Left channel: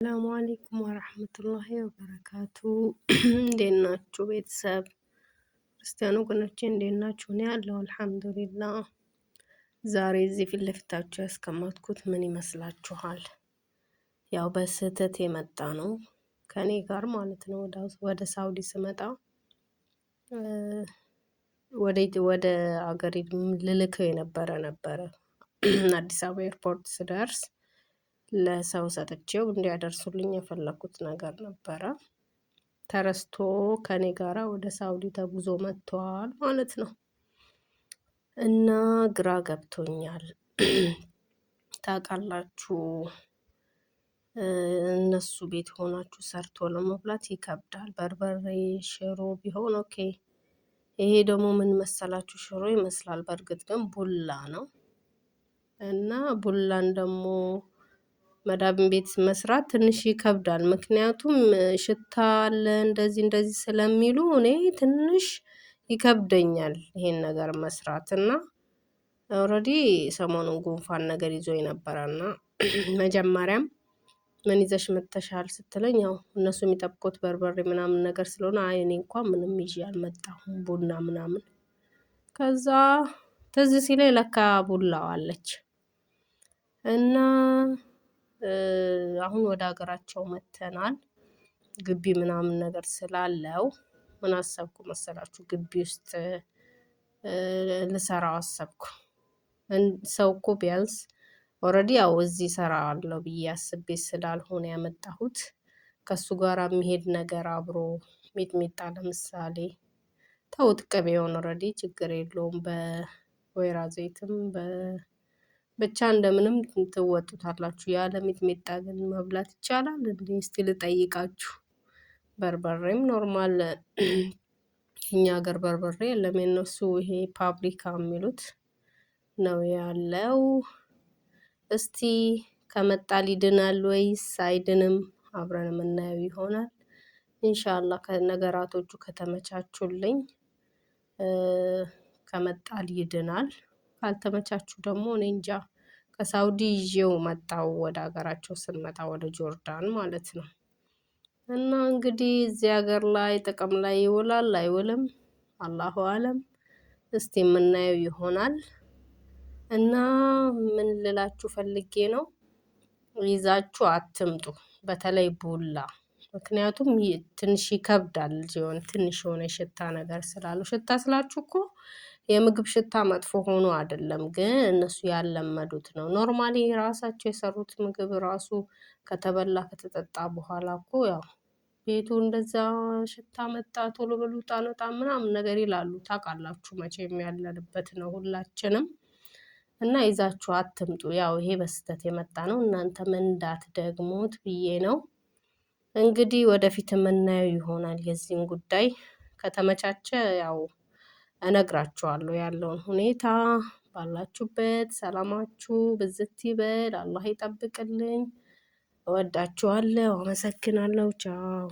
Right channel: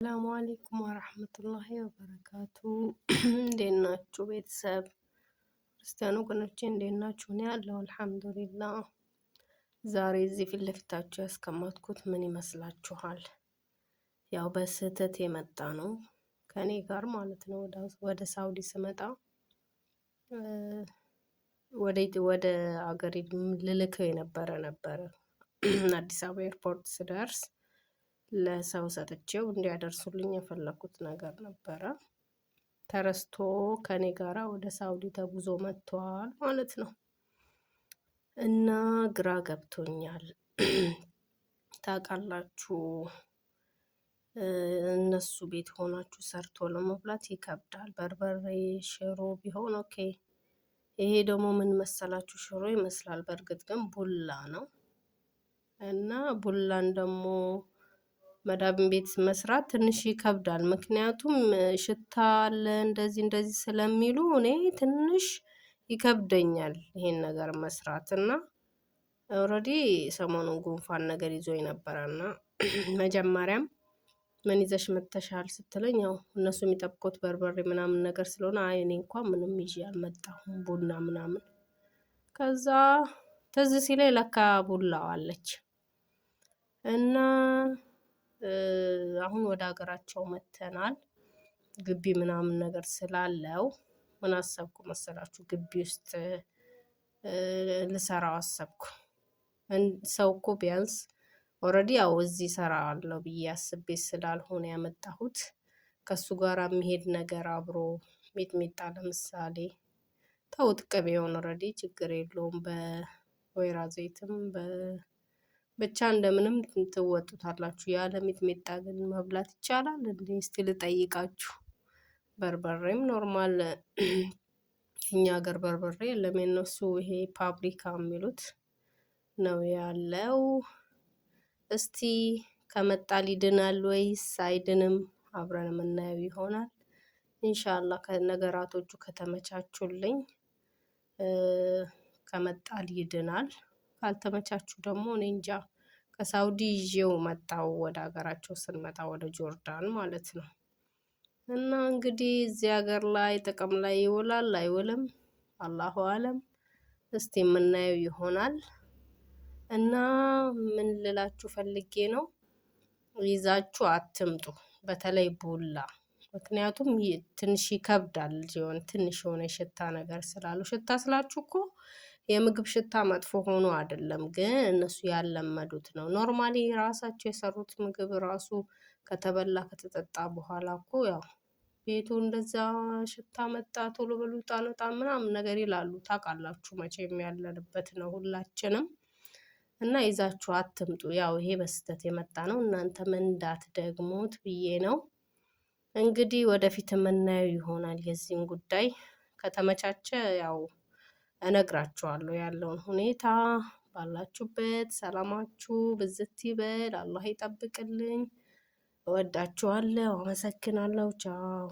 ሰላሙ አለይኩም ወራህመቱላሂ ወበረካቱ። እንዴት ናችሁ ቤተሰብ? ክርስቲያኑ ወገኖቼ እንዴት ናችሁ? እኔ ያለው አልሐምዱሊላህ። ዛሬ እዚህ ፊት ለፊታችሁ ያስቀመጥኩት ምን ይመስላችኋል? ያው በስህተት የመጣ ነው ከኔ ጋር ማለት ነው። ወደ ሳውዲ ስመጣ ወደ አገሬ ልልከው ነበረ አዲስ አበባ ኤርፖርት ስደርስ ለሰው ሰጥቼው እንዲያደርሱልኝ የፈለኩት ነገር ነበረ። ተረስቶ ከኔ ጋራ ወደ ሳውዲ ተጉዞ መጥቷል ማለት ነው። እና ግራ ገብቶኛል። ታውቃላችሁ እነሱ ቤት ሆናችሁ ሰርቶ ለመብላት ይከብዳል። በርበሬ ሽሮ ቢሆን ኦኬ። ይሄ ደግሞ ምን መሰላችሁ? ሽሮ ይመስላል፣ በእርግጥ ግን ቡላ ነው። እና ቡላን ደግሞ መዳብን ቤት መስራት ትንሽ ይከብዳል። ምክንያቱም ሽታ አለ እንደዚህ ስለሚሉ እኔ ትንሽ ይከብደኛል ይሄን ነገር መስራት። እና ኦልሬዲ ሰሞኑን ጉንፋን ነገር ይዞኝ ነበረና መጀመሪያም ምን ይዘሽ መጥተሻል ስትለኝ ያው እነሱ የሚጠብቁት በርበሬ ምናምን ነገር ስለሆነ አይ እኔ እንኳን ምንም ይዤ አልመጣሁም ቡና ምናምን። ከዛ ትዝ ሲለኝ ለካ ቡላው አለች እና አሁን ወደ ሀገራቸው መጥተናል። ግቢ ምናምን ነገር ስላለው ምን አሰብኩ መሰላችሁ? ግቢ ውስጥ ልሰራው አሰብኩ። ሰው እኮ ቢያንስ ኦልሬዲ ያው እዚህ እሰራዋለሁ ብዬ አስቤ ስላልሆነ ያመጣሁት ከሱ ጋር የሚሄድ ነገር አብሮ ሚጥሚጣ ለምሳሌ ተውት፣ ቅቤውን ኦልሬዲ ችግር የለውም በወይራ ዘይትም ብቻ እንደምንም ትወጡታላችሁ። ያለ ሚጥሚጣ ግን መብላት ይቻላል እንዴ? እስቲ ልጠይቃችሁ። በርበሬም ኖርማል እኛ ሀገር በርበሬ የለም፣ የነሱ ይሄ ፓፕሪካ የሚሉት ነው ያለው። እስቲ ከመጣ ይድናል ወይስ አይድንም? አብረን የምናየው ይሆናል ኢንሻአላህ። ከነገራቶቹ ከተመቻቹልኝ ከመጣል ይድናል። ካልተመቻቹ ደግሞ እኔ እንጃ። ከሳውዲ ይዤው መጣው ወደ ሀገራቸው ስንመጣ ወደ ጆርዳን ማለት ነው። እና እንግዲህ እዚህ ሀገር ላይ ጥቅም ላይ ይውላል አይውልም አላሁ አለም። እስቲ የምናየው ይሆናል። እና ምን ልላችሁ ፈልጌ ነው፣ ይዛችሁ አትምጡ፣ በተለይ ቡላ። ምክንያቱም ትንሽ ይከብዳል። ሲሆን ትንሽ የሆነ ሽታ ነገር ስላለው፣ ሽታ ስላችሁ እኮ የምግብ ሽታ መጥፎ ሆኖ አይደለም፣ ግን እነሱ ያለመዱት ነው። ኖርማሊ ራሳቸው የሰሩት ምግብ ራሱ ከተበላ ከተጠጣ በኋላ እኮ ያው ቤቱ እንደዛ ሽታ መጣ ቶሎ በሉ ውጣ ምናምን ነገር ይላሉ። ታውቃላችሁ መቼም ያለንበት ነው ሁላችንም። እና ይዛችሁ አትምጡ። ያው ይሄ በስህተት የመጣ ነው፣ እናንተም እንዳትደግሙት ብዬ ነው። እንግዲህ ወደፊት የምናየው ይሆናል የዚህን ጉዳይ። ከተመቻቸ ያው እነግራችኋለሁ ያለውን ሁኔታ። ባላችሁበት ሰላማችሁ ብዝት ይበል፣ አላህ ይጠብቅልኝ። እወዳችኋለሁ፣ አመሰግናለሁ። ቻው